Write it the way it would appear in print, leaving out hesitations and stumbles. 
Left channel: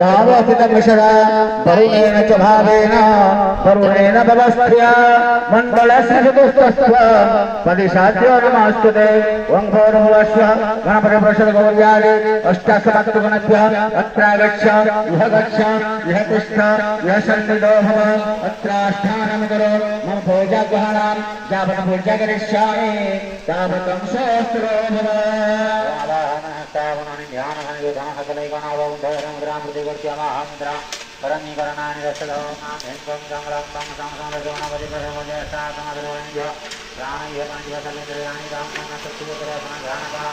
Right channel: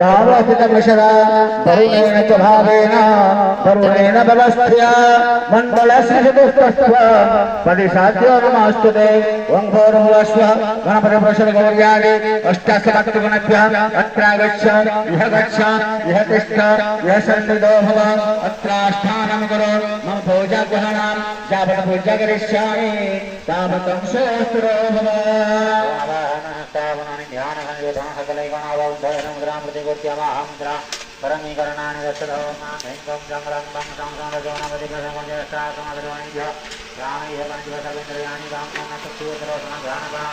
यावस्थितमिषदा वरुणेन च भावेन वरुणेन व्यवस्थया मण्डलस्य चतुष्टस्त्व पदिशाद्योगमास्तुते वङ्गोर्भुवस्व गणपतिप्रसदगौर्यादि अष्टासमत्तुगणभ्यः अत्रागच्छ इह गच्छ इह तिष्ठ इह सन्निधो भव अत्राष्ठानं करो मम भोजग्रहणां यावत् पूजा करिष्यामि तावतं सहस्रो परमीकरणानि दशधोमां जंगलं संगतं संगजोनवदिकरमजयसाकमगरमणिभ्यो ज्ञानयोगनिवसविन्द्रियाणि दामनसत्योतरोसनध्यानका